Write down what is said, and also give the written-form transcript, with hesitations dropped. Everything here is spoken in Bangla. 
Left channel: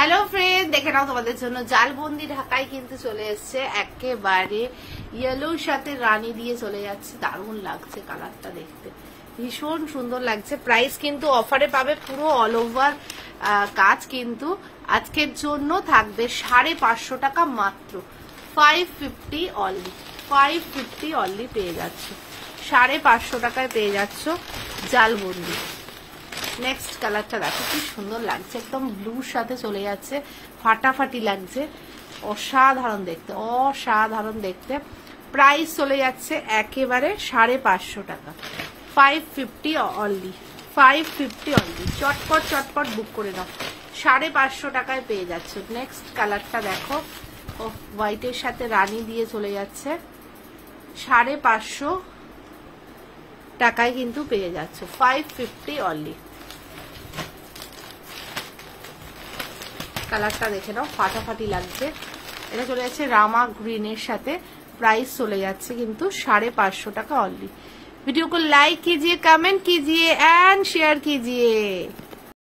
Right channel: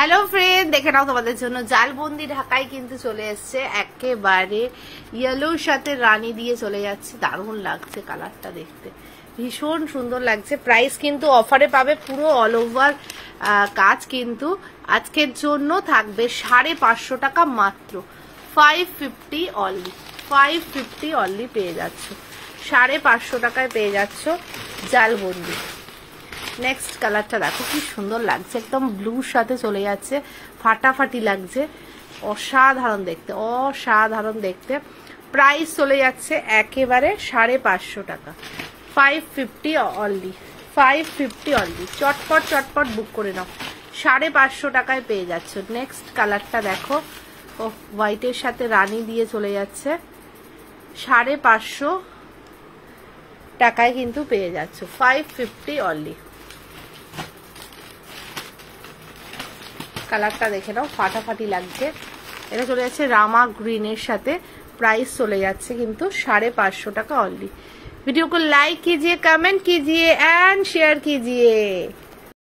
হ্যালো ফ্রেন্ড, দেখে নাও তোমাদের জন্য জালবন্দি ঢাকায় কিন্তু চলে এসছে। একেবারে ইয়েলোর সাথে রানী দিয়ে চলে যাচ্ছে। দারুণ লাগছে কালারটা দেখতে, ভীষণ সুন্দর লাগছে। প্রাইস কিন্তু অফারে পাবে, পুরো অল ওভার কাজ কিন্তু আজকের জন্য থাকবে 550 টাকা মাত্র। 550 অনলি, 550 অনলি পেয়ে যাচ্ছ, 550 টাকায় পেয়ে যাচ্ছ জালবন্দি। নেক্সট কালারটা দেখো কি সুন্দর লাগছে, একদম ব্লুর সাথে চলে যাচ্ছে, ফাটাফাটি লাগছে, অসাধারণ দেখতে, অসাধারণ দেখতে। প্রাইস চলে যাচ্ছে একেবারে 550 টাকা, 550 অনলি, 550 অনলি। চটপট চটপট বুক করে নাও, 550 টাকায় পেয়ে যাচ্ছে। নেক্সট কালারটা দেখো, ও হোয়াইটের সাথে রানী দিয়ে চলে যাচ্ছে, 550 টাকায় কিন্তু পেয়ে যাচ্ছে, 550 অনলি। কালারটা দেখে নাও, ফাটাফাটি লাগছে। এটা চলে যাচ্ছে রামা গ্রিনের সাথে, প্রাইস চলে যাচ্ছে কিন্তু 550 টাকা অনলি। वीडियो को लाइक कीजिए, कमेंट कीजिए एंड शेयर कीजिए।